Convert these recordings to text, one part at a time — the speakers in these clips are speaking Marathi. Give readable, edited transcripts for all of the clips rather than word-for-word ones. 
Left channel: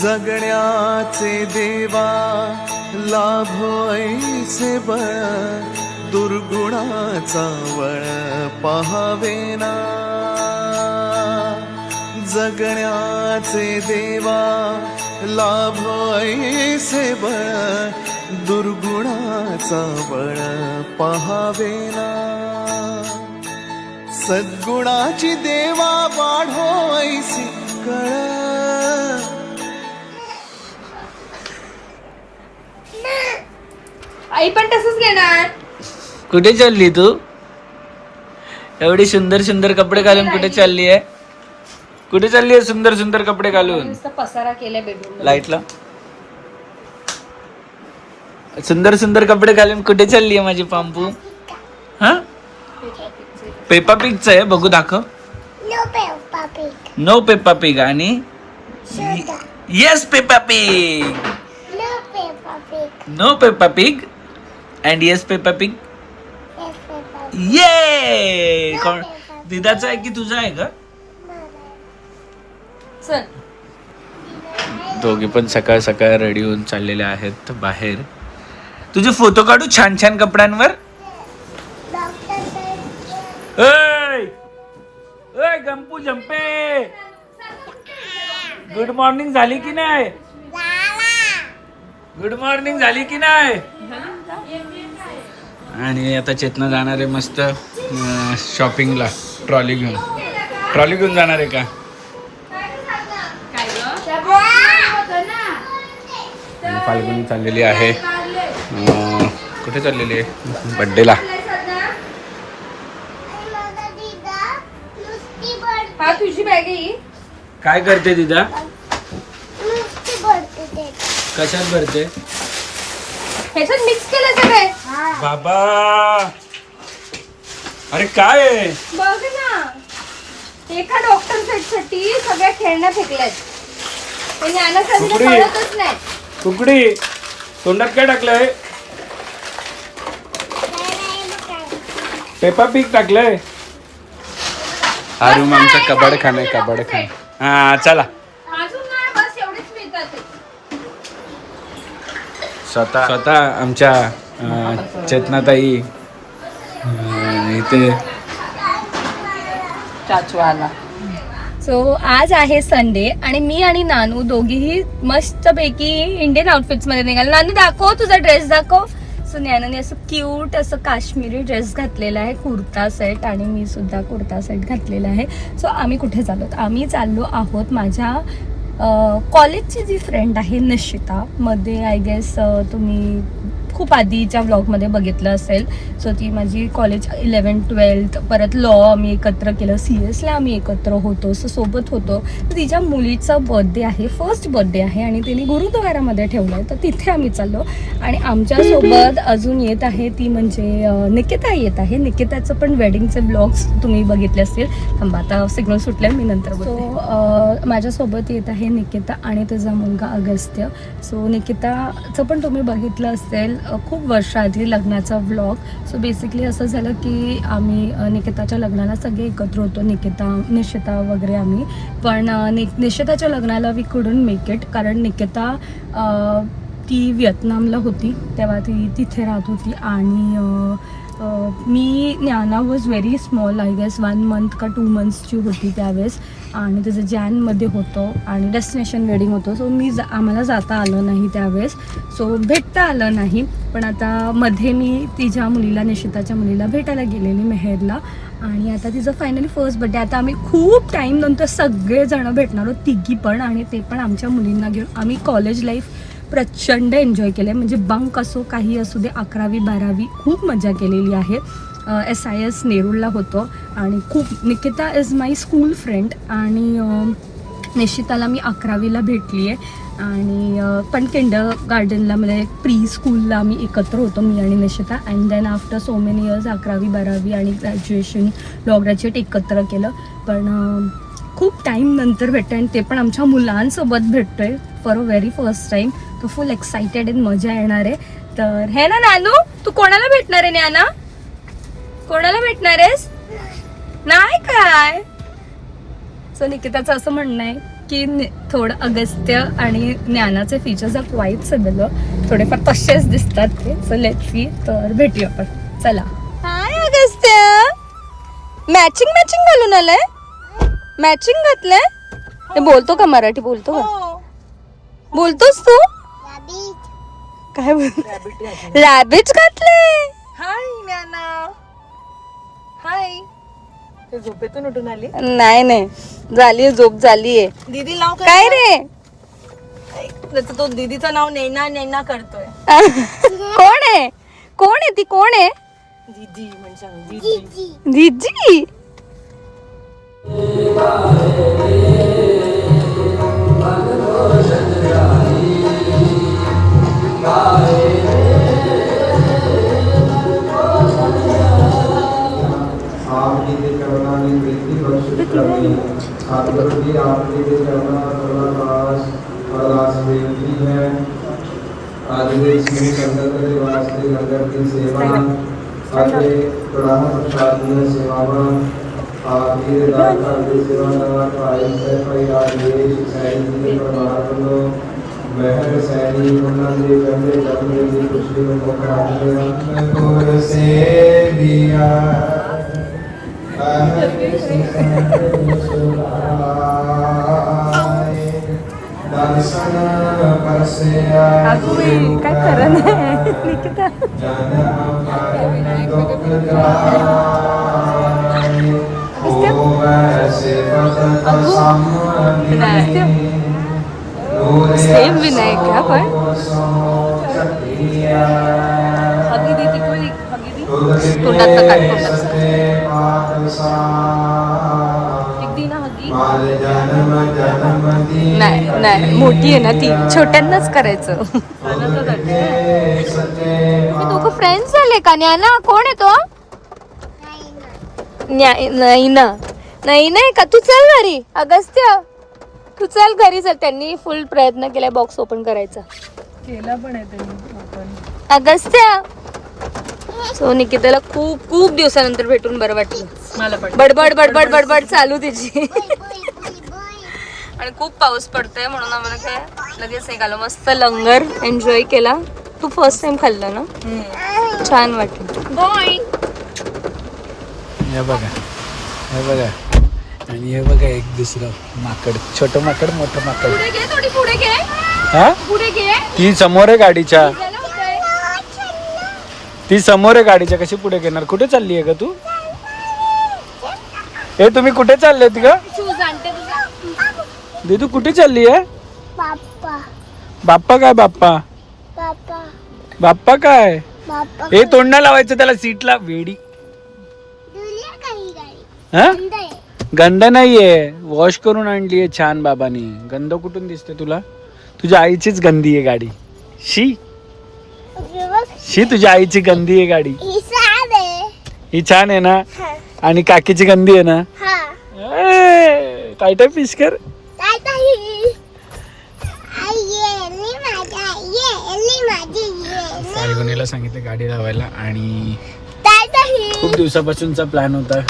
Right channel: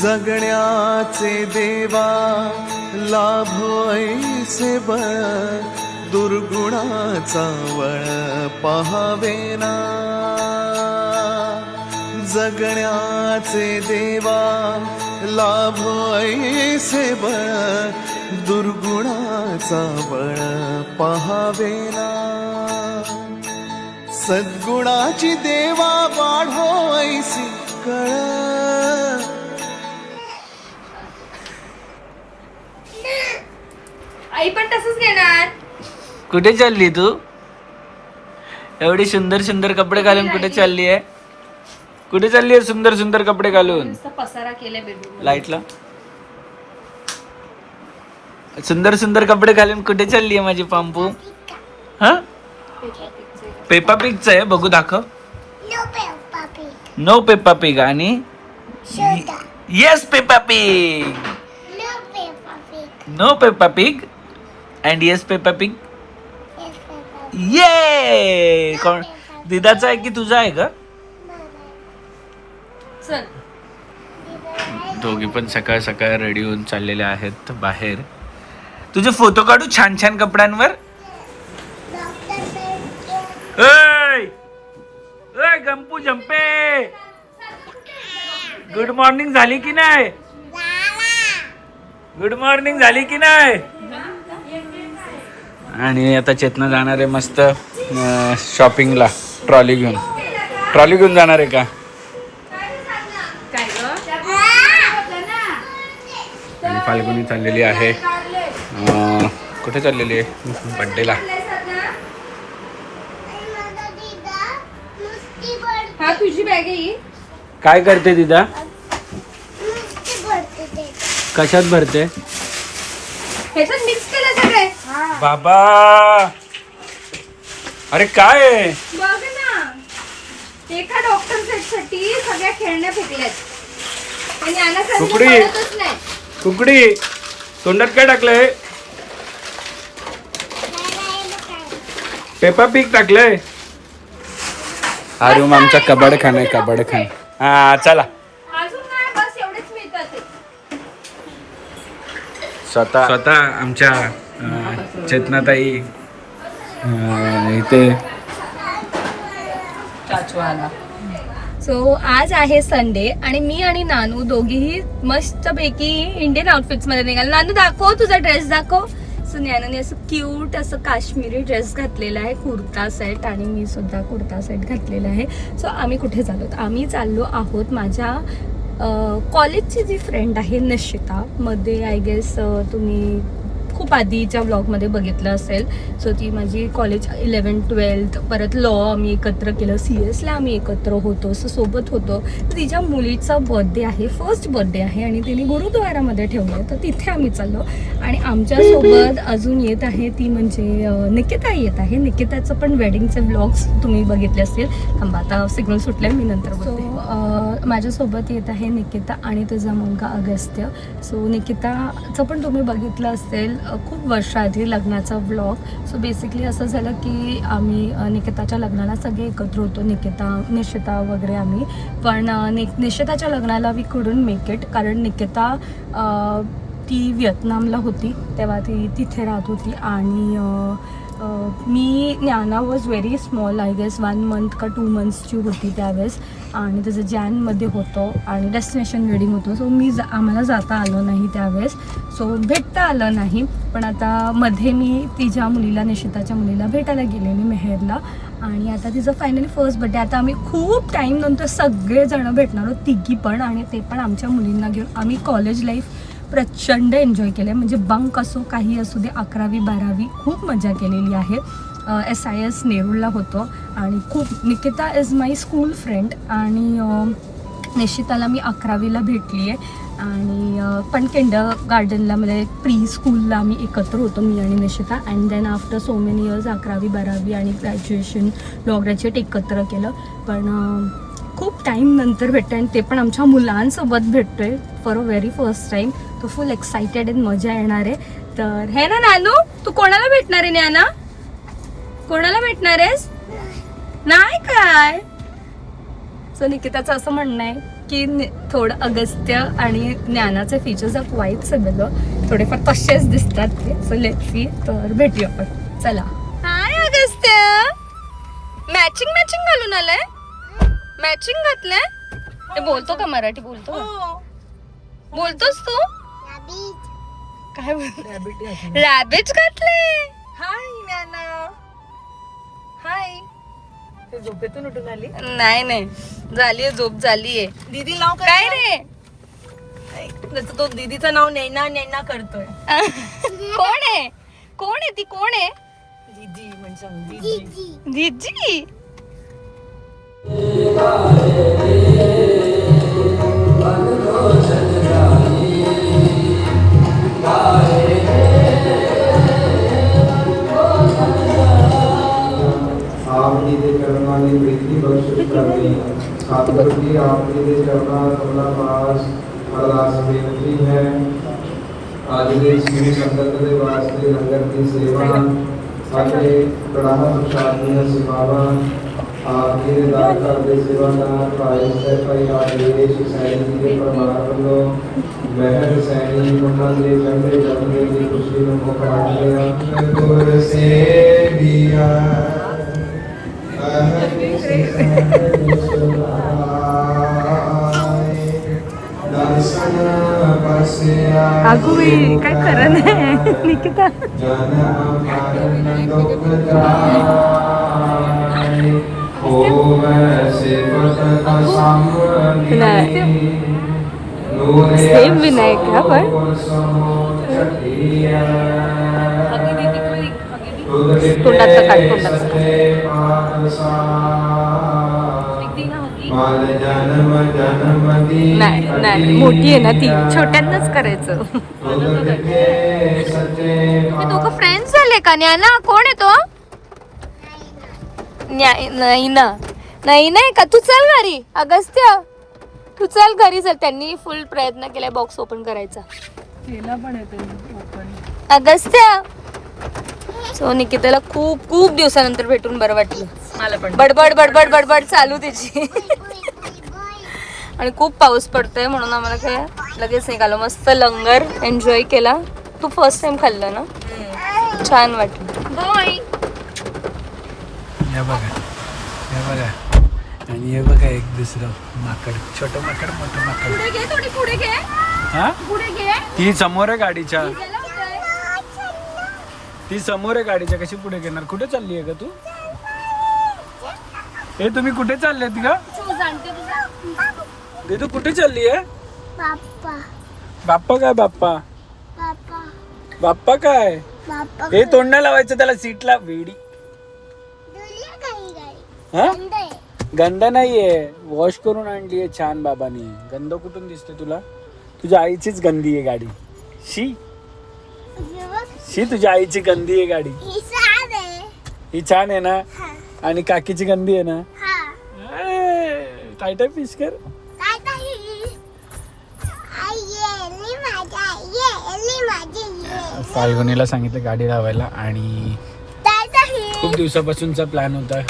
जगण्याचे देवा लाभो ऐसे बळ, दुर्गुणाचा वळ पहावेना. जगण्याचे देवा लाभो ऐसे बळ, दुर्गुणाचा बळ पहावेना. सद्गुणाची देवा वाढो ऐसी कळ. आई पण तसंच घेणार. कुठे चालली तू? एवढी सुंदर सुंदर कपडे घालून कुठे चालली आहे? कुठे चालली आहे सुंदर सुंदर कपडे घालून? नुसतं पसारा केलाय बेडरूम. लाईटला सुंदर सुंदर कपडे घालून कुठे चालली आहे माझी पांपू? हा, पेपा पिगच आहे. बघू दाखव. नो पेपा पिग आणि yes Peppa Pig. No Peppa Pig and yes Peppa Pig. ये कोण दिदाचा आहे की तुझा आहे का? चल. दोघे पण सकाळ सकाळ रेडी होऊन चाललेले आहेत बाहेर. तुझे फोटो काढू छान छान कपड्यांवर. गंपू जंपे, गुड मॉर्निंग झाली की नाही? गुड मॉर्निंग झाली की नाही? आणि आता चेतना जाणार आहे मस्त शॉपिंगला. ट्रॉली घेऊन जाणार आहे का? आणि फाल्गुनी चाललेली आहे. कुठे चाललेली आहे? बड्डेला. हा तुझी बॅग आहे. काय करते दिदा? कशात भरते? ह्याच्यात मिक्स केलं सगळे. बाबा, अरे काय आहे? बघ ना, एका डॉक्टर सेट साठी सगळ्या खेळण्या फेकल्यात. त्यांनी आणत नाही. कुकडी तोंडात काय टाकलंय? पेपा पिग टाकलंय. हा रूम आमचा कबड खाना. हा चला. अजून नाही, बस एवढेच मिळतात ते. स्वतः आमच्या चेतनाताई इथे सो आज आहे संडे आणि मी आणि नानू दोघीही मस्तपैकी इंडियन आउटफिट्स मध्ये निघालो. नानू दाखव तुझा ड्रेस दाखव. सो नानूने असं क्यूट असं काश्मीरी ड्रेस घातलेला आहे, कुर्ता सेट, आणि मी सुद्धा कुर्ता सेट घातलेला आहे. सो आम्ही कुठे चाललो? आम्ही चाललो आहोत माझ्या कॉलेजची जी फ्रेंड आहे निशिता, मध्ये आय गेस तुम्ही खूप आधीच्या व्लॉगमध्ये बघितलं असेल. सो ती माझी कॉलेज 11th 12th परत लॉ आम्ही एकत्र केलं, CS ला आम्ही एकत्र होतो, सो सोबत होतो. तर तिच्या मुलीचा बर्थडे आहे, फर्स्ट बर्थडे आहे आणि तिने गुरुद्वारामध्ये ठेवलं आहे. तर तिथे आम्ही चाललो आणि आमच्यासोबत अजून येत आहे ती म्हणजे निकिता येत आहे. निकिताचं पण वेडिंगचे व्लॉग्स तुम्ही बघितले असतील. थांबा आता सिग्नल सुटले, मी नंतर बोलते. माझ्यासोबत येत आहे निकिता आणि तिचा मुलगा अगस्त्य. सो निकिताचं पण तुम्ही बघितलं असेल खूप वर्षाआधी लग्नाचा व्लॉग. सो बेसिकली असं झालं की आम्ही निकिताच्या लग्नाला सगळे एकत्र होतो, निशिता वगैरे आम्ही. पण निशिताच्या लग्नाला वी कुडंट मेक इट, कारण निकिता ती व्हिएतनामला होती तेव्हा ती तिथे राहत होती आणि मी Gyana was very small, I guess 1 month का 2 monthsची होती त्यावेळेस, आणि त्याचं जॅनमध्ये होतं आणि डेस्टिनेशन वेडिंग होतं. सो आम्हाला जाता आलं नाही त्यावेळेस, सो भेटता आलं नाही. पण आता मध्ये मी तिच्या मुलीला, निशिताच्या मुलीला भेटायला गेलेली मेहेरला, आणि आता तिचं फायनली फर्स्ट बर्थडे. आता आम्ही खूप टाईम नंतर सगळेजणं भेटणार आहोत, तिघी पण, आणि ते पण आमच्या मुलींना घेऊन. आम्ही कॉलेज लाईफ प्रचंड एन्जॉय केले, म्हणजे बंक असो काही असू दे, 11वी 12वी खूप मजा केलेली आहे. SIS नेरूळला होतं आणि खूप. Nikita is my school friend आणि निशिताला मी 11वीला भेटली आहे आणि पण किंडरगार्टनला म्हणजे प्री स्कूलला आम्ही एकत्र होतो, मी आणि Nishita. And then after so many years 11वी 12वी आणि ग्रॅज्युएशन, लॉ ग्रॅज्युएट एकत्र केलं. पण खूप टाईम नंतर भेटतो आणि ते पण आमच्या मुलांसोबत भेटतोय for a very first time. तो फुल एक्सायटेड आणि मजा येणार आहे. तर हे ना नानू, तू कोणाला भेटणार आहे? नाना कोणाला भेटणार आहेस? नाही काय? सो निकिताचं असं म्हणणं आहे की थोडं अगस्त्य आणि ज्ञानाचे फीचर्स ऑफ वाईट सगळं थोडेफार तसेच दिसतात ते. So let's see. तर भेटूया आपण. चला. हाय अगस्त्य. मॅचिंग घालून आलाय. मॅचिंग घातलंय. हे बोलतो का? मराठी बोलतो का? बोलतोस तू? काय रॅबिट घातले. हाय ज्ञाना. हाय. ते झोपेतून उठून आली. नाही झालीये झोप झालीये. दीदी नाव काय रे? त्याचं तो दीदीचं नाव नैना नैना करतोय. कोण आहे ती? कोण आहे? दीदी म्हणजे दीदी. आपने दे करना ने वृद्धि बख्श करनी आत्मवृद्धि आपने दे करना करना पास प्रदास देती है आगे श्री संगत के वास्ते लंगर की सेवा आगे प्रणाम प्रसादनीय सेवा आगे दाता के सेवा ना पायल से पाई आगे सैनिक परमात्मा महल सैनी मंगल चंद्र चंद्र की खुशी को करना गुर से दिया दर्शन अगो काय खरं नाही निकिता. सेम विनायक का पण तोंडाचं काढ नाही मोठी आहे ना ती. छोट्यांनाच करायचं. तुम्ही दोघं फ्रेंड्स झाले का? ज्ञाना कोण आहे तो? नाही का? तू चल घरी. अगस्त्य तू चल घरी चल. त्यांनी फुल प्रयत्न केलाय बॉक्स ओपन करायचा. केला पण आहे त्यांनी ओपन. अगस्त्य. सो निकिताला खूप दिवसानंतर भेटून बरं वाटलं. मला पण बडबड चालू तिची. आणि खूप पाऊस पडतोय म्हणून आम्हाला काय लगेच निघालो. मस्त लंगर एन्जॉय केला. तू फर्स्ट टाइम खाल्लं ना? छान वाटलं. हे बघा आणि हे बघा एक दुसरं माकड. छोटं माकड मोठं माकड. पुढे घे. हा पुढे घे. ती समोर आहे गाडीच्या. ती समोर आहे गाडीच्या. कशी पुढे घेणार? कुठे चालली आहे का तू? हे तुम्ही कुठे चालले होती का? दीदू कुठे चालली आहे? बाप्पा काय? बाप्पा काय? हे तोंड नाही लावायचं त्याला सीटला. वेडी. हा? गंध नाहीये. वॉश करून आणलीये छान बाबानी. गंध कुठून दिसते तुला? तुझ्या आईचीच गंदी आहे गाडी. शी तुझ्या आईची गंदी आहे गाडी. ही छान आहे ना? आणि काकीची गंदी आहे ना? टाय फिश कर. फाल्गुनीला सांगितलं गाडी लावायला आणि खूप दिवसापासूनचा प्लॅन होता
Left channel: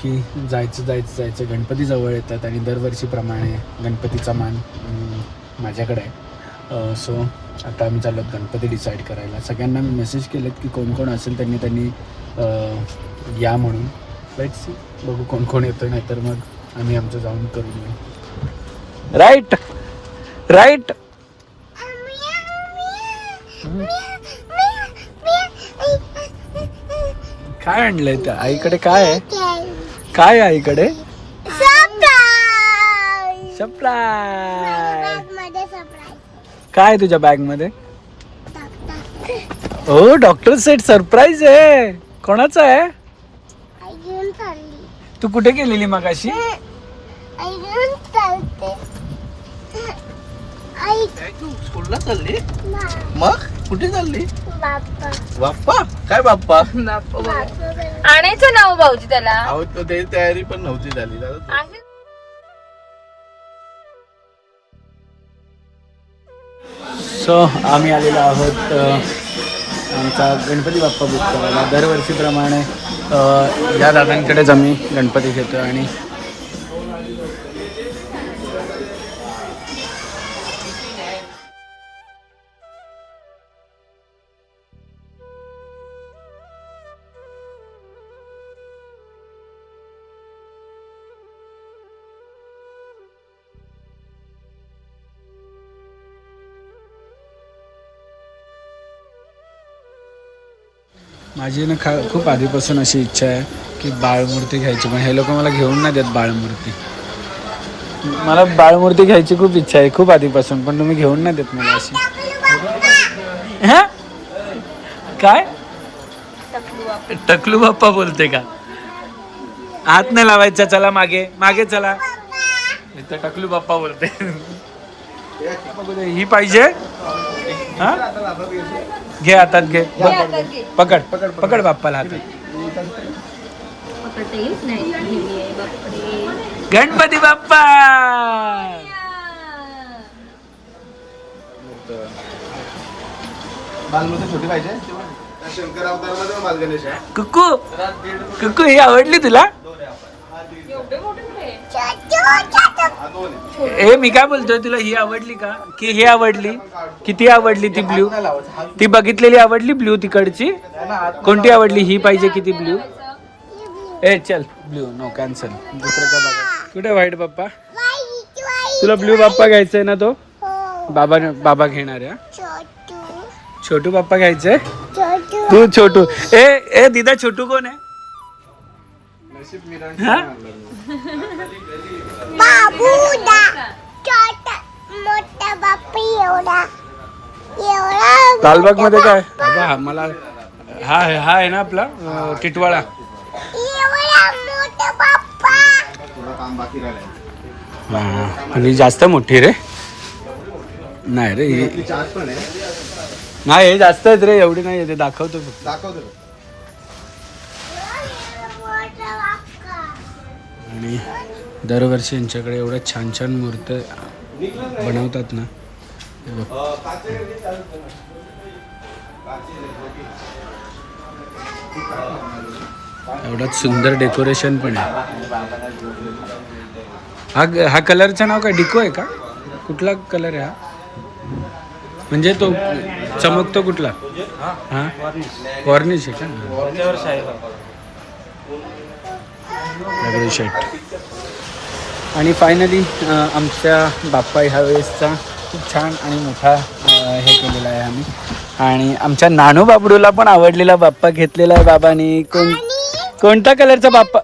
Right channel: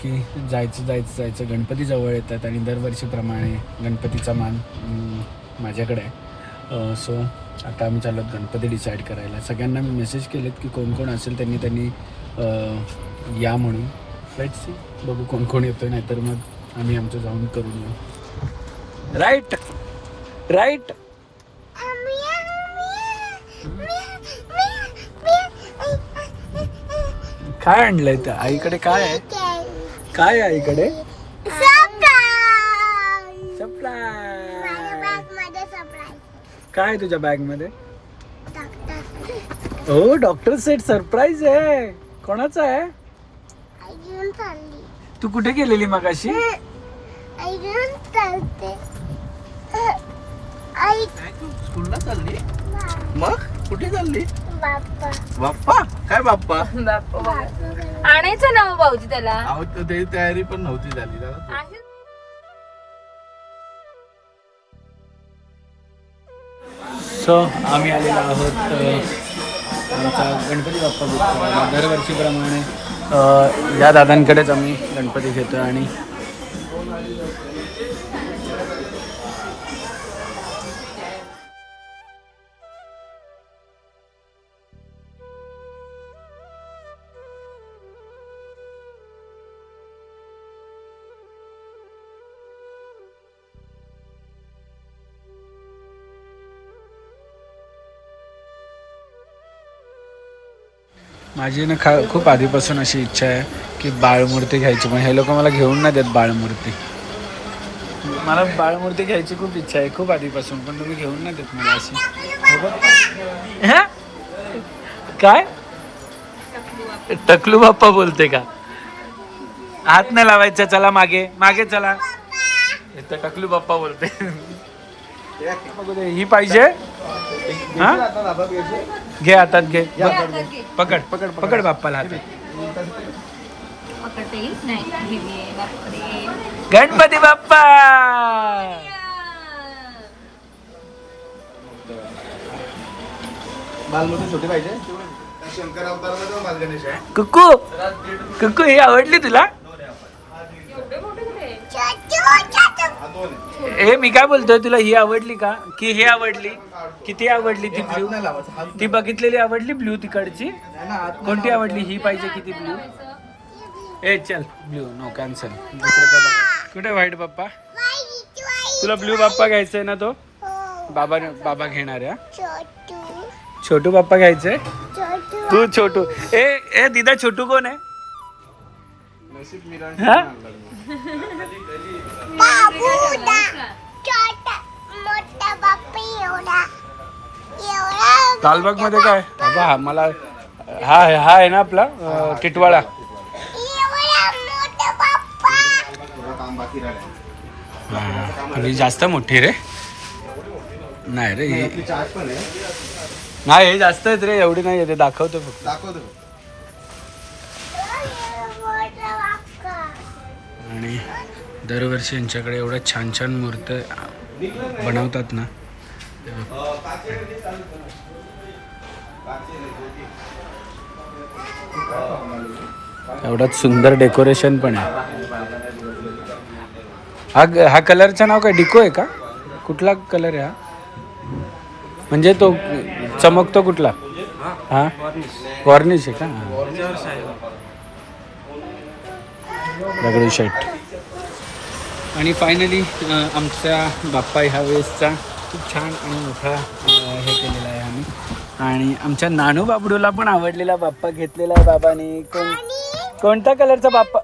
की जायचं. गणपती जवळ येतात आणि दरवर्षीप्रमाणे गणपतीचा मान माझ्याकडे आहे. सो आता आम्ही चाललो गणपती डिसाईड करायला. सगळ्यांना मी मेसेज केलेत की कोण असेल त्यांनी या म्हणून. Let's see. बघू कोण येतोय. नाहीतर मग आम्ही आमचं जाऊन करून येऊ. राईट. काय आणलंय त्या आईकडे? काय आहे आईकडे? काय तुझ्या बॅग मध्ये? ओ डॉक्टर सेट सरप्राईज आहे. कोणाचा आहे? तू कुठे गेलेली मगाशी? स्कूलला चालली? मग कुठे चालली? बाप्पा काय? बाप्पा आणायचं नाव भाऊजी त्याला. अहो ते तयारी पण नव्हती झाली. सो आम्ही आलेलो आहोत आमचा गणपती बाप्पा बुक करायला. दरवर्षीप्रमाणे या दादांकडेच आम्ही गणपती घेतो आणि माझी ना खूप आधीपासून अशी इच्छा आहे की बाळमूर्ती घ्यायची, पण हे लोक मला घेऊन नाही देत बाळमूर्ती. मला बाळमूर्ती घ्यायची खूप इच्छा आहे खूप आधीपासून, पण तुम्ही घेऊन नाही देत मला अशी. हा काय टकलू बाप्पा बोलते का? हात नाही लावायचा, चला मागे मागे चला. इथं टकलू बाप्पा बोलते. ही पाहिजे हा घे हातात घे. पकड पकड पकड बाप्पाला हातात. पकडता येत नाही हेवी आहे, बापरे. गणपती बाप्पा बालमूर्ती छोटी पाहिजे. शंकर अवतार बाल गणेश आहे. कुक्कू कुक्कू ही आवडली तुला? ए मी काय बोलतोय, तुला ही आवडली का की हे आवडली? किती आवडली ती ब्ल्यू? ती बघितलेली आवडली ब्ल्यू तिकडची? कोणती आवडली? ही पाहिजे किती ब्ल्यू? ए चल ब्ल्यू नो कॅन्सल. दुसरं काय बघा. कुठे व्हाईट बाप्पा? तुला ब्ल्यू बाप्पा घ्यायचंय ना? तो बाबा घेणार आहे. छोटू बाप्पा घ्यायचंय? तू छोटू. ए ए दीदा छोटू कोण आहे? हा लालबाग मध्ये काय हा मला हा हा आहे ना आपला टिटवाळा. आणि जास्त मोठी रे नाही रे ही. नाही हे जास्त आहेत रे, एवढी नाही ते दाखवतो फक्त. आणि दरवर्षी यांच्याकडे एवढ्या छान छान मूर्ती बनवतात ना. एवढं सुंदर डेकोरेशन पण आहे. हा कलरचं नाव काय? डिको आहे का? कुठला कलर आहे हा? म्हणजे तो चमकतो कुठला? हा वॉर्निश आहे का? दगडूशेठ. आणि फायनली आमच्या बाप्पा ह्या वेळेसचा खूप छान आणि मोठा हे केलेला आहे आम्ही. आणि आमच्या नानू बाबडूला पण आवडलेला बाप्पा घेतलेला आहे बाबांनी. कोणता कलरचा बाप्पा?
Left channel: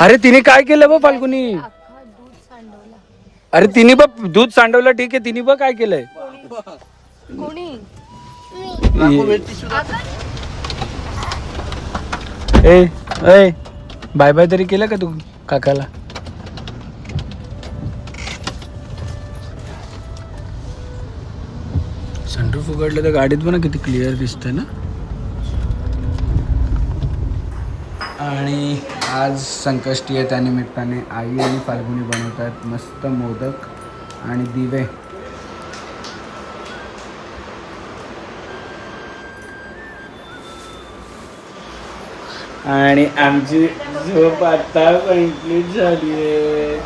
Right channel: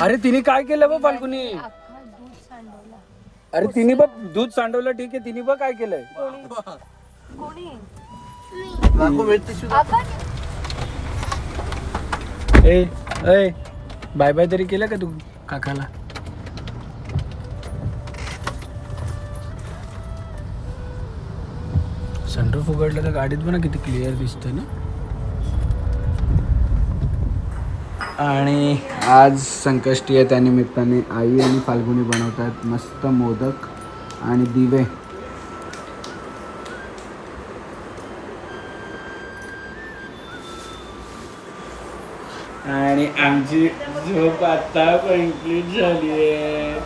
अरे तिने काय केलं बघ फाल्गुनी? अरे तिने बघ दूध सांडवलं, ठीक आहे. तिने बघ काय केलंय. कोणी ए बाय बाय तरी केलं का तू काकाला? सनरूफ उघडलं तर गाडीत पण किती क्लिअर दिसतंय ना. आणि आज संकष्टी आहे, त्या निमित्ताने आई आणि फाल्गुनी बनवतात मस्त मोदक आणि दिवे. आणि आमची झोप आता कंप्लीट झाली आहे.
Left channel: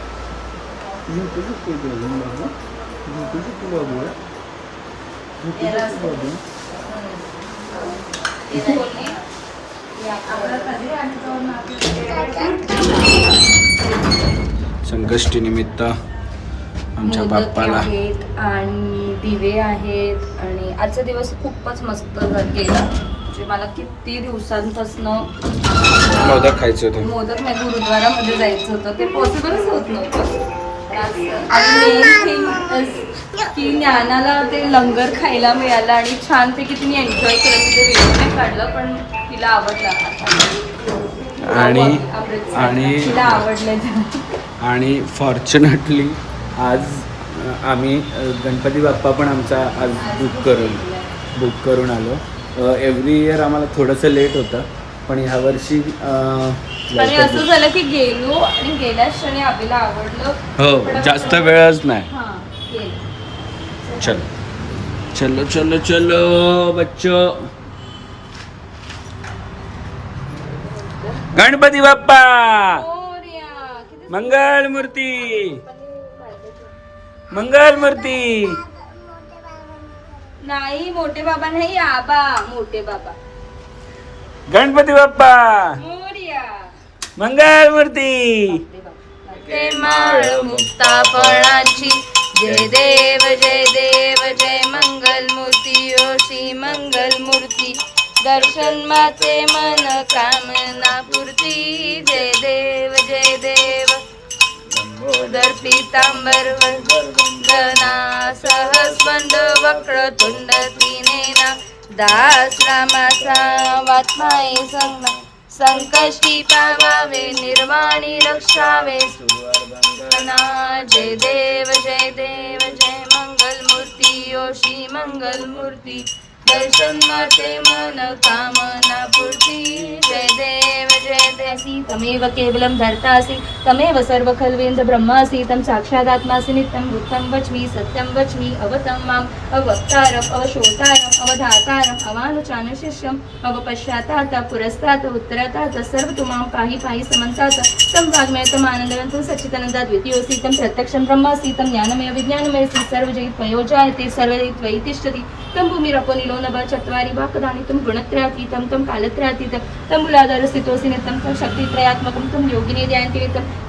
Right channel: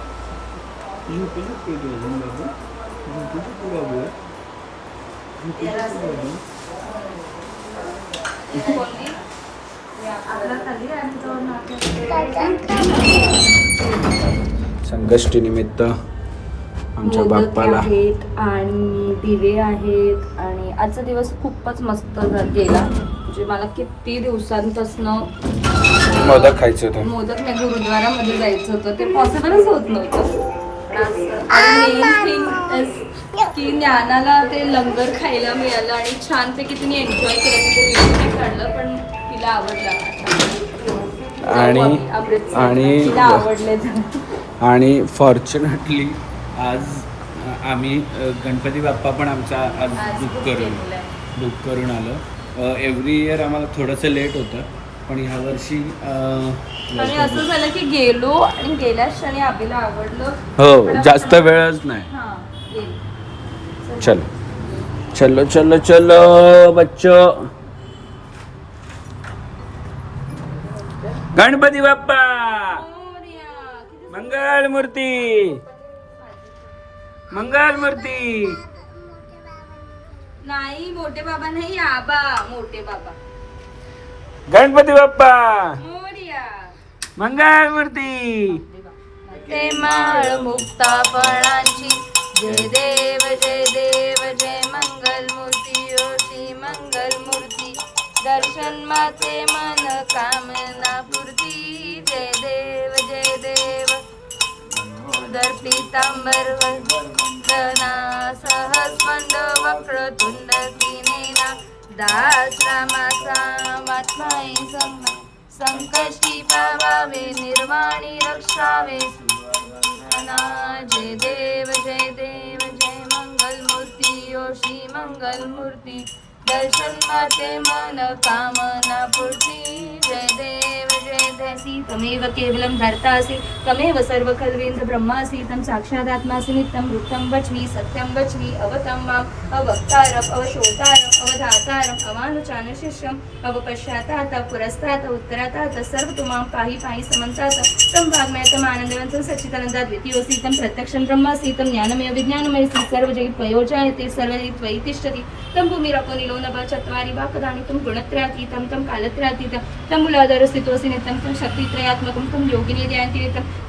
संकष्टी निमित्त आमच्या बाप्पाला आहेत आणि दिवे आहेत. आणि आजचा दिवस खूपच मस्त गेला. म्हणजे मला किती दिवसांपासून मोदक खायचे होते. मोदक नाही, गुरुद्वारामध्ये जायचं होतं, ते पॉसिबलच होत नव्हतं. आणि मेन थिंग की ज्ञानाला ते लंगर खायला मिळालं आणि छानपैकी तिने एन्जॉय केलं. ते व्हिडिओ नाही काढलं पण तिला आवडलं. आणि तिला आवडले. आणि फॉर्च्युनेटली आज आम्ही गणपती बाप्पा पण आमचा आज बुक करून आलो. एव्हरी इयर आम्हाला थोडंसं लेट होतं, पण ह्या वर्षी आणि असं झालं की गेलो आणि गेल्या क्षणी आपल्याला आवडलं. हो जास्त वेळच नाही. चलो चलो चलो चलो बच्चो. गणपती बाप्पा मंगल मूर्ती मंगल मूर्ती. नाही मोठे बाबा नाही, आबा मोठे बाबा. गणपती बाप्पा मोरया. मंगल मूर्ती. ते माळ मुक्तापणाची. जय देव जय देव जय मंगल मूर्ती. ओ श्री मंगल मूर्ती. दर्शन माते मन कामना पूर्ती. जय देव जय देव. लंबोदर पीतांबर वंदना सहस्वंद वक्रतुंड तीनेना दास रामाचा वात्माये संग संकष्टी पावावे निर्वाणी रक्षावे सुवर्धना. जय देव जय देव जय मंगल मूर्ती योशी मंगल मूर्ती. दर्शन माते मन कामना पूर्ती. जय देव जय देव. तमेव केवलं धर्तासि तमेव सर्व खल्वेन्द् ब्रह्मासि तं साक्षादात्मासि नित्यं वृत्तं वच्मि सत्यं वच्मि अवतं माम् अवक्तारम् अवशोतारम् अवधातारम् अवानुचान शिष्यम् अवपश्चातात् पुरस्तात् उत्तरातात् सर्वतो मां पाहि पाहि समन्तात् तं वाग्मयतं आनन्दवन्तं सच्चिदानन्दाद्वितीयोऽसि तं प्रत्यक्षं ब्रह्मासि तं ज्ञानमय विज्ञानमयसि सर्वजयित्वयोजायते सर्वजयित्वयि तिष्ठति तं भूमिरपो निलो नभ चत्वारि वाक्दानि तं गुणत्रयातीतं तं कालत्रयातीतं तं मूलाधारस्थितोऽसि नित्यं तं शक्तित्रयात्मकं तं योगिनी ध्यायन्ति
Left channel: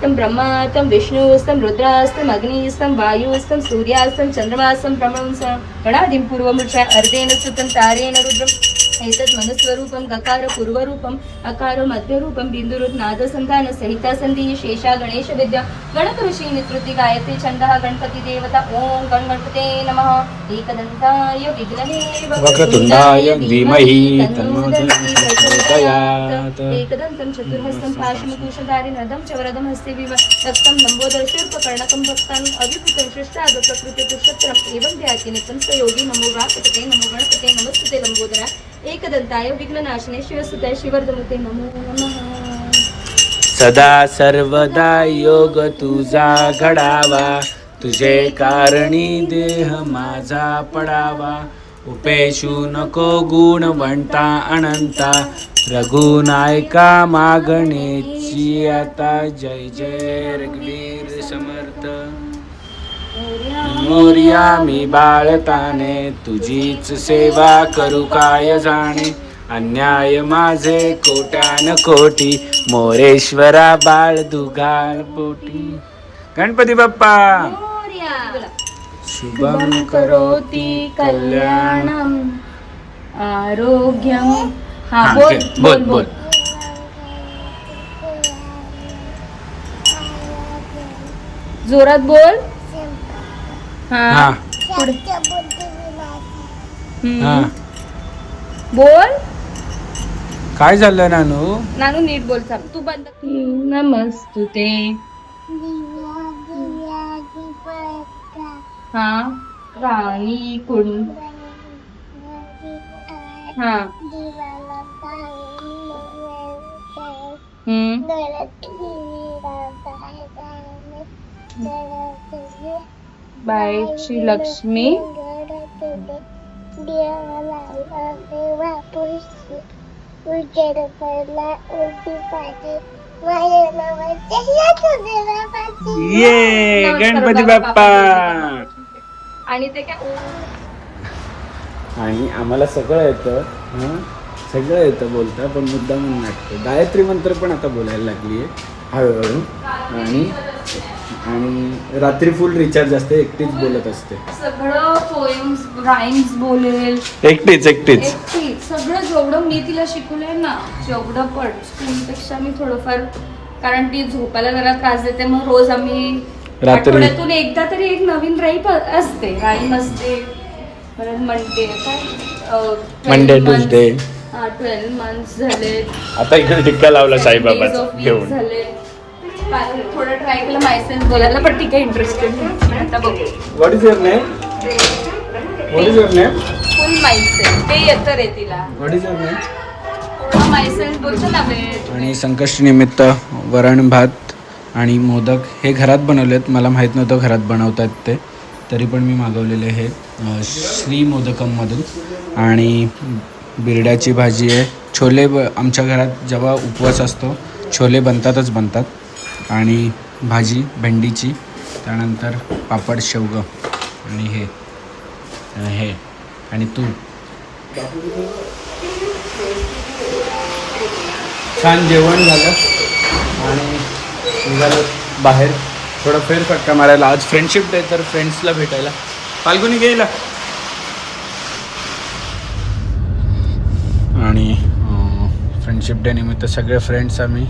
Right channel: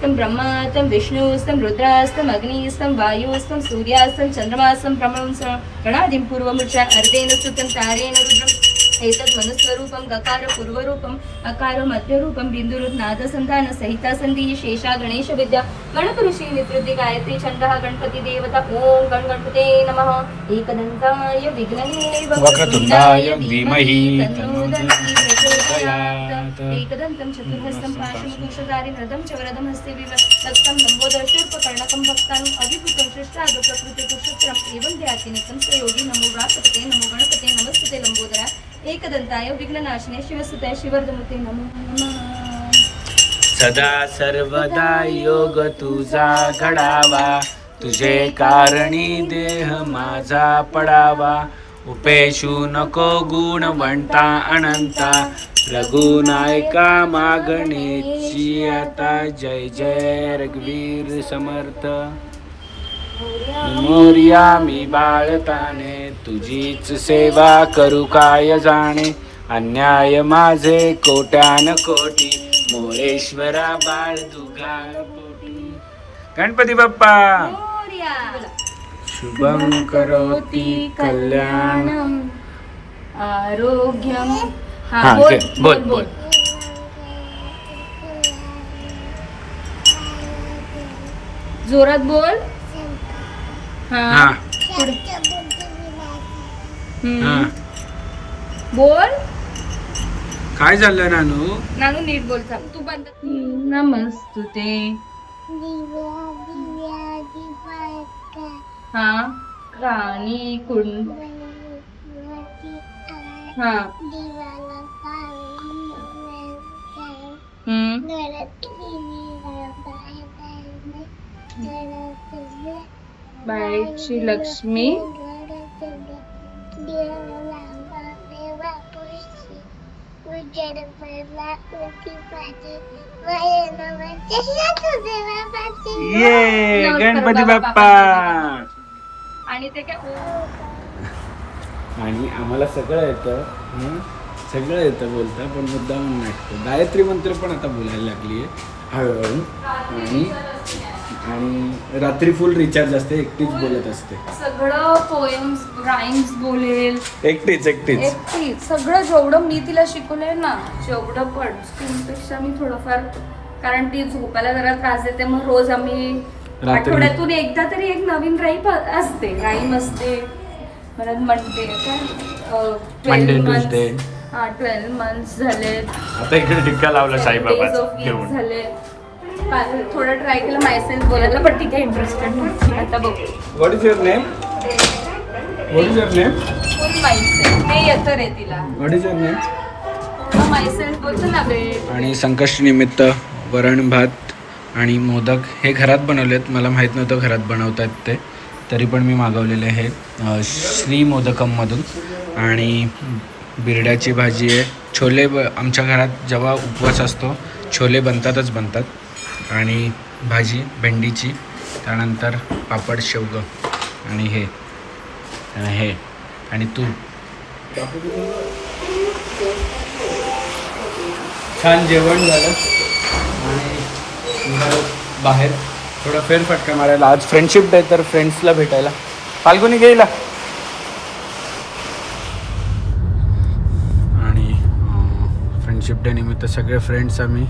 तं ब्रह्मा तं विष्णुस्तं रुद्रास्तं अग्निस्तं वायुस्तं सूर्यास्तं चन्द्रमास्तं ब्रह्मणं गणादिं पूर्वमूर्छा अर्धेन स्तुतं तारेण रुद्रम् एतत् मनस्वरूपं गकार पूर्वरूपम् अकार मध्यरूपं बिन्दुरुत् नादसन्धान सहिता सन्धि शेषा गणेश विद्या गणकऋषि निवृत्ति गायत्री छन्दः गणपति देवता ओम गणपते नमः एकदन्ताय विघ्ननिलये वक्रतुण्डाय धीमहि तन्नो दन्ति प्रचोदयात्. एकदन्तं चतुर्हस्तं पाशमुकुशधारि नदं च वरदं हस्ते विवक्तं लम्बोदर शूर्पकर्णकं भक्तानि अभिभूतं शिष्टाद प्रकृति पुरुषोत्तरम् एवं ध्याति नित्यं स योगी नमो व्रातपते नमो गणपते नमस्ते लम्बोदरा एकदन्ताय विघ्ननाशिने शिवसुताय शिवर्धमुते नमो नमः. सदा सर्वदा योग तुझा घडावा तुझे कारणी देह माझा पडावा. उपेशू नको गुणवंता अनंता रघुनायका मागणेची आता. जय जय रघुवीर समर्थ. मोर्या मी बाळताने तुझीच सेवा करू काय जाणे. अन्याय माझे कोट्यान कोटी मोरेश्वरा बाळ दुगार पोटी. गणपती बाप्पा शुभम करोति कल्याणम आरोग्यम. हा बोल बोल. जोरात बोल. हा हा हा बोल. काय झालं नानू? नानू नीट बोल. तू बंद. नमस्तुते. हा राणी कुंड. हा बाईची लक्ष्मी. ये गणपती बाप्पा. आणि ते काय आणि आम्हाला सगळं येतं. सगळं येतं बोलता पण मुद्दा म्हणून नाटकं. गायत्री मंत्र पण आता बोलायला लागली आहे हळूहळू. आणि आणि रात्री फुल रिचार्ज असते. एकटीच बोलत असते. सगळं पोएम्स राईम्स बोलेल एकटीच सगळं जेवढं मी तिला शिकवलेल ना जेवढं पण स्कूलपेक्षा मी थोडंफार. कारण ती झोपायला जरा त्रास देते मग रोज आम्ही आठवड्यातून एकदा तरी एक नवीन राईम असते. परत म्हणते मंडे ट्यूजडे. 12 months झाले. आता इकडे टिक्का लावला साईबाबाचा घेऊन. झाले. थोडा ट्राय केलं मायसेल्फ बोलायला पण ती काही इंटरेस्टेड नाही. आता बघू. What is your name? What is your name? Full myself ते येतं रे तिला. What is your name? पूर्ण मायसेल्फ बोलतो ना बे. आणि संकष्टी निमित्त वरण भात आणि मोदक हे घरात बनवलेत. मला माहीत नव्हतं घरात बनवतात ते. तरी पण मी मागवलेले हे श्री मोदकममधून. आणि बिरड्याची भाजी आहे. छोले आमच्या घरात जेव्हा उपवास असतो छोले बनतात. आणि भाजी भेंडीची. त्यानंतर पापड शेवगं आणि हे आणि तूप. छान जेवण झालं आणि निघालो बाहेर थोडा फेरफटका मारायला. आज फ्रेंडशिप डे तर फ्रेंड्सला भेटायला. फाल्गुनी गेला. आणि फ्रेंडशिप डे निमित्त सगळे फ्रेंड्स आम्ही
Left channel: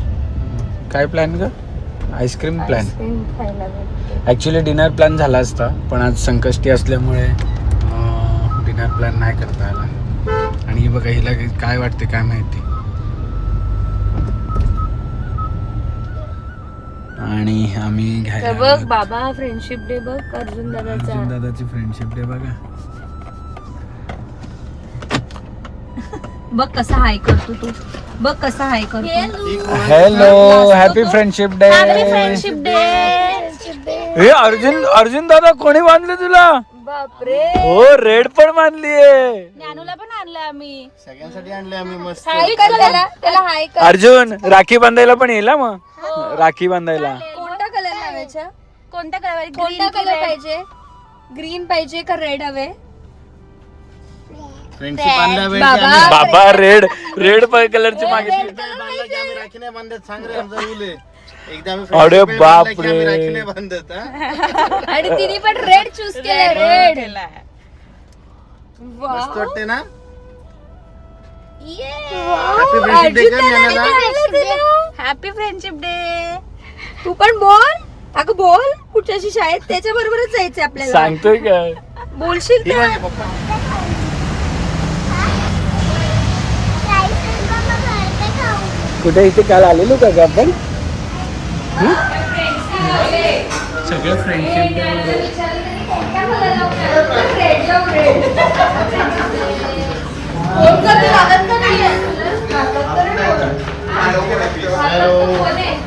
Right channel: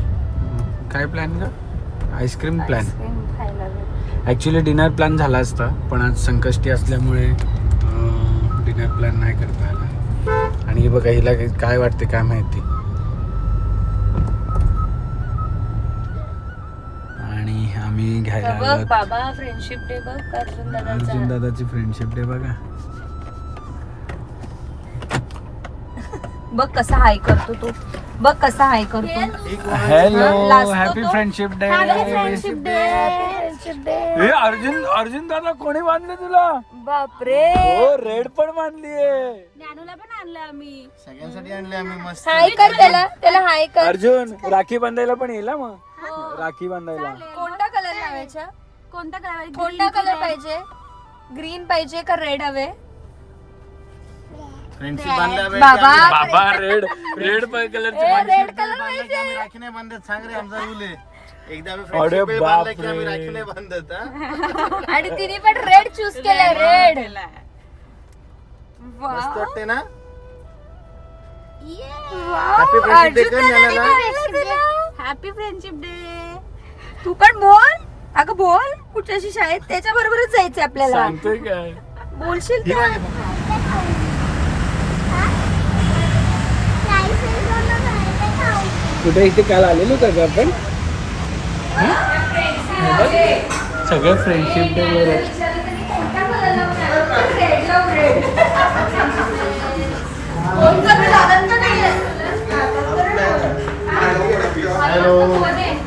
काय प्लॅन का ice cream plan actually dinner plan झाला असता पण आज संकष्टी असल्यामुळे डिनर प्लॅन नाही करता आला. आणि बघा हिला काय वाटते काय माहिती. आणि आम्ही घ्यायला बघ बाबा फ्रेंडशिप डे बघ अर्जुन दादाची फ्रेंडशिप डे बघा. बघ कसा हाय करतो तू बघ कसा हाय करतो. Hello happy friendship day. Friendship day हे अर्जुन दादा कोणी बांधले तुला. बापरे हो रेड पण बांधलीये. ज्ञानूला पण आणलं आम्ही सगळ्यांसाठी आणले आम्ही मस्त. हाय कर त्याला हाय कर. अर्जुन राखी बांधायला पण येईल मग. राखी बांधायला कोणता कलर लावायचा कोणता कलर पाहिजे ग्रीन पाहिजे का रेड हवे. फ्रेंडशिप बांधला बाबा बाबा रेड कलरची मागितली. बांधला की आम्ही राखी नाही बांधत सांग रे आमचा रूल आहे. एकदा आम्ही अरे friendship बाप बांधला की आम्ही रे. राखी नाही बांधत हा. आणि तिने पण रेड चूज केलं रेड. मस्त वाटते ना. Happy friendship day. तू पण बोल अगं बोल कुठच्याशी शाळेत त्याच्या बरोबरच जायचंय आपल्याला. सांगतोय काय बोलशील का? कुठे इथे काल आलेलो का ग आपण सगळं फ्रेंडशिप डे.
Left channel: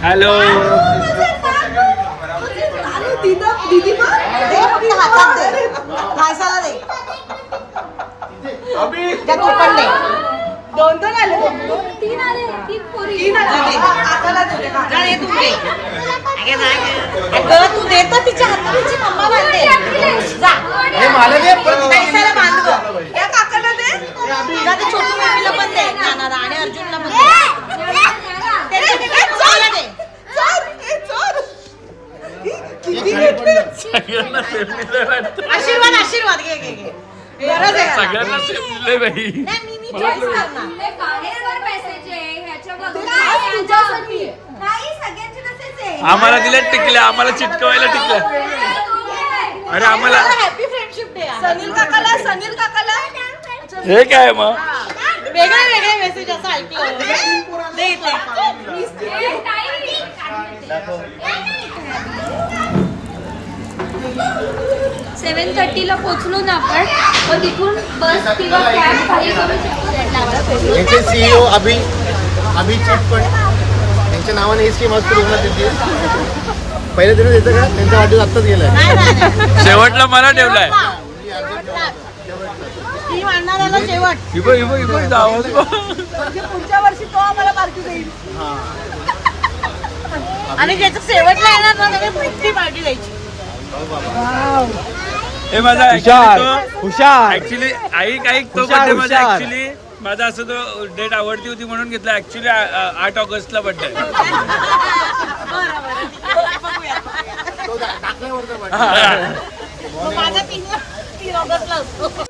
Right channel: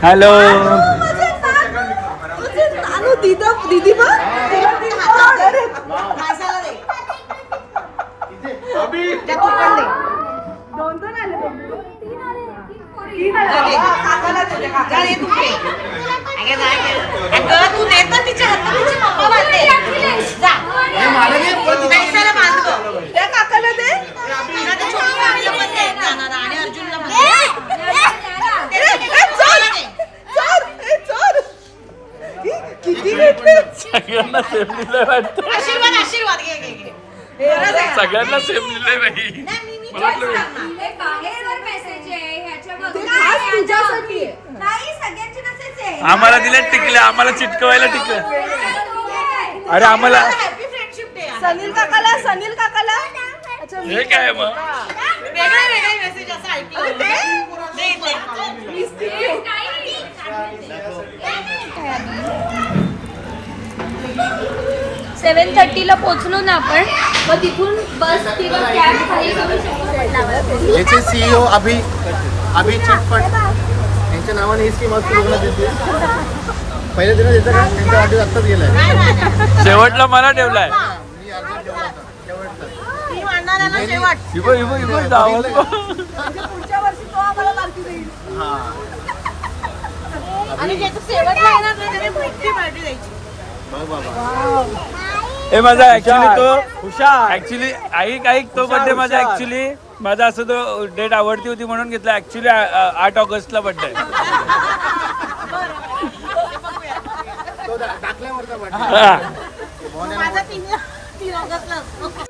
हॅलो दीदी हातात दे खायला दे तू पण दे. दोन आले तीन आले काकाला दे काकाला दे तू दे. अगं तू दे तर तिच्या हातात तुझी मम्मा बांधते जा. हे मला दे पण तिथे पैशाला बांध गं. त्या काकाला दे तुझ्या त्या छोटी मम्मीला पण दे जाणार आणि अर्जुनला पण दे. सगळ्यांना सेम दिलंय वाटतं. आशीर्वाद घे घे घे. गरज आहे. सगळ्यांना सेम दिलंय बाई. नाही मी चॉईस करणार. नाही सगळ्यांचे तसेच आहे. आम्हाला दिल्या टिकल्या आम्हाला चिटकवायला टिकल्या. अरे आम्हाला हॅपी फ्रेंडशिप डे. सनील काकाला हे काय मग वेगळे मेसेज असं ऐकलं. दे इथं. 7:30 ला पोहोचलो ना आपण मग तिथून बस किंवा कॅब काही करू शकतो. याचे सीईओ अभि चटपट त्यांच्या नावाने ही स्कीम मस्त पहिल्या दिवस येतं का त्यांचा वाढदिवस आत्ताच गेलाय. शेवटला मला ठेवलाय. ती मांडणाऱ्याला शेवट. इबो आवाज बघ. म्हणजे पुढच्या वर्षी तो आम्हाला पार्टी देईल. आणि ज्याचं शेवटला येणार ना त्याने प्रिक्ती पार्टी द्यायची. हे माझा ऍक्च्युली ऐक तो बर्थडे माझा ऍक्च्युली माझा असं तो डेट आवडती होती म्हणून घेतला. ऍक्च्युली 8 ऑगस्टला बर्थडे आहे. माझा 3 ऑगस्टला असतो.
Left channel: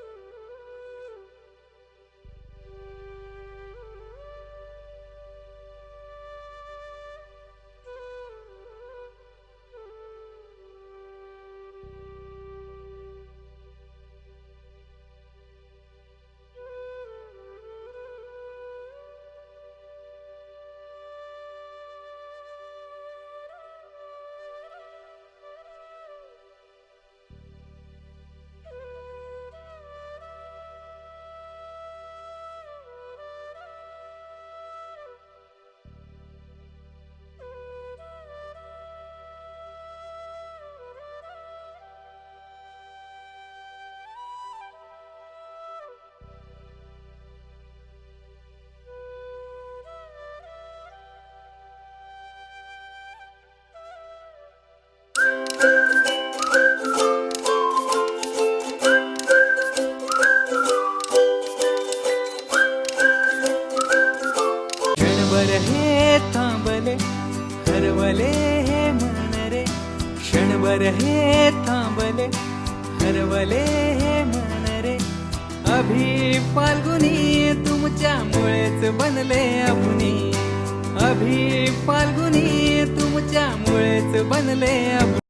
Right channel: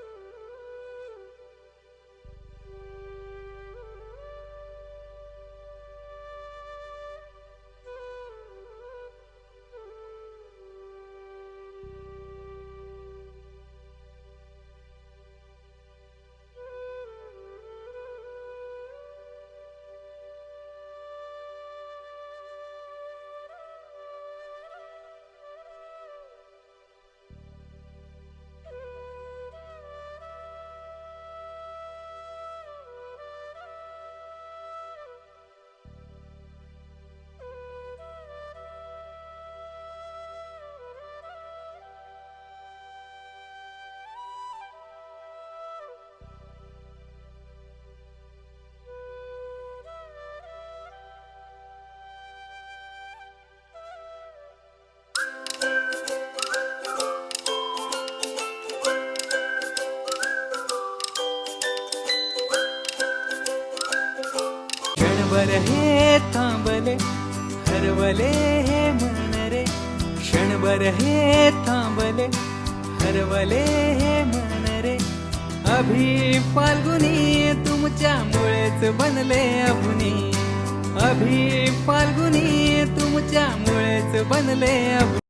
क्षणभर हे थांबले हरवले हे मन रे. क्षणभर हे थांबले हरवले हे मन रे. अभि फाल्गुनी तुमच्यामुळेच बनले अभुनी अभि फाल्गुनी तुमच्यामुळेच बनले अभुनी